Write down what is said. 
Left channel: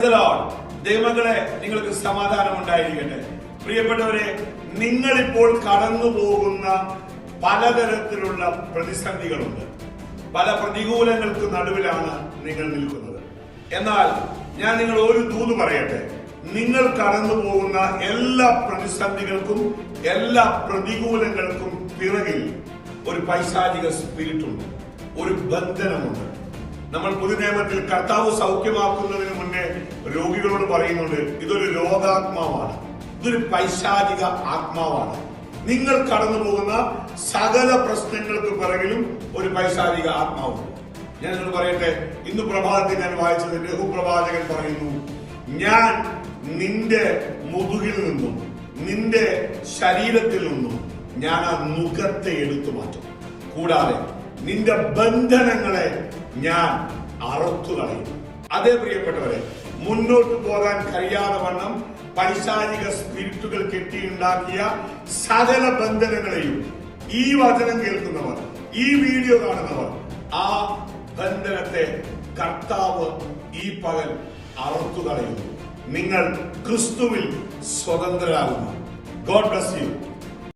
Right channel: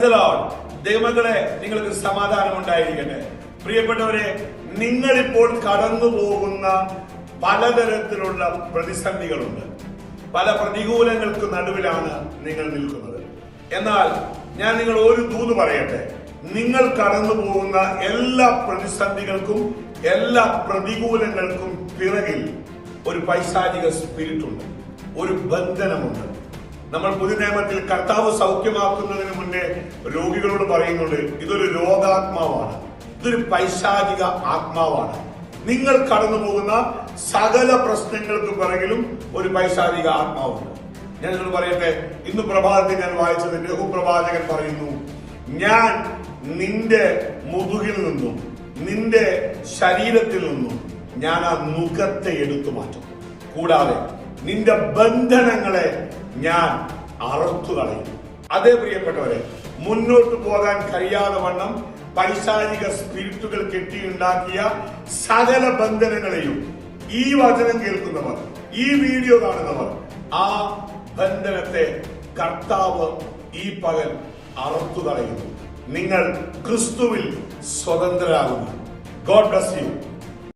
ദൈവങ്ങളെ നിങ്ങൾക്ക് സമാധാനം ഉണ്ടായിരിക്കട്ടെ. പ്രിയപ്പെട്ടവരെ നിങ്ങളിപ്പോൾ കടന്നു പോകുന്ന പലതരത്തിലുള്ള പ്രതിസന്ധികളുണ്ട്. പല പ്രതികൂലങ്ങൾക്ക് നടുവിലാണ് നിങ്ങൾ നിൽക്കുന്നത്. എന്നാൽ ഞാൻ നിങ്ങൾ ഒരു തൂത് പറയട്ടെ. നിങ്ങൾ കടന്നു പോകുന്ന എല്ലാ പ്രതിസന്ധികൾക്കും എല്ലാ പ്രതികൂലങ്ങൾക്കും പിറകിൽ ഒരു പൈശാചിക സ്പിരിറ്റുണ്ട് ഒരു ബന്ധനമുണ്ട്. നമ്മൾ പുതുനിയമത്തിൽ കർത്താവ് സൗഖ്യമാക്കുന്നതിന് മുന്നേ രോഗികളോട് പറയുന്നുണ്ട് ഇതൊരു രോഗാത്മാവാണ്. ഇതൊരു പൈശാചിക ആത്മാവാണ്. നിങ്ങൾ കടന്നു പോകുന്ന സകല പ്രശ്നങ്ങൾക്ക് പിറകിലും ഒരു പൈശാചിക ആത്മാവുണ്ട്. ഞാൻ നിങ്ങൾ പറയട്ടെ? ഇന്ന് പ്രഭാതത്തിൽ ഞാൻ വായിച്ചത് ലഘു പ്രവാചകൻ പറയുന്നു ഞാൻ നിന്റെ മുതുകിൽ നിന്നും നിന്റെ ശരീരത്തിൽ നിന്നും ഞാൻ ആ നുഖത്തെ എടുത്തു മാറ്റും. കൂടാതെ നിന്റെ ബന്ധനങ്ങളെ ഞാൻ അറുത്തു കളയും അതേ പ്രിയപ്പെട്ടവരെ മുന്നോട്ട് പോകാൻ കഴിയാതെ വണ്ണം പൈസാനിക സ്പിരിറ്റുകൾ കെട്ടിയുണ്ടാക്കിയ സകല ബന്ധനങ്ങളെയും ഈ വചനം കേൾക്കുന്നവർ ഈ വീഡിയോ കാണുന്നവർ ആ ബന്ധനത്തെ കർത്താവ് ഈ പകൽ അറുത്തു കളയുന്നു. നിങ്ങൾ ക്രിസ്തുവിൽ സ്വതന്ത്രരാകുന്നു. God bless you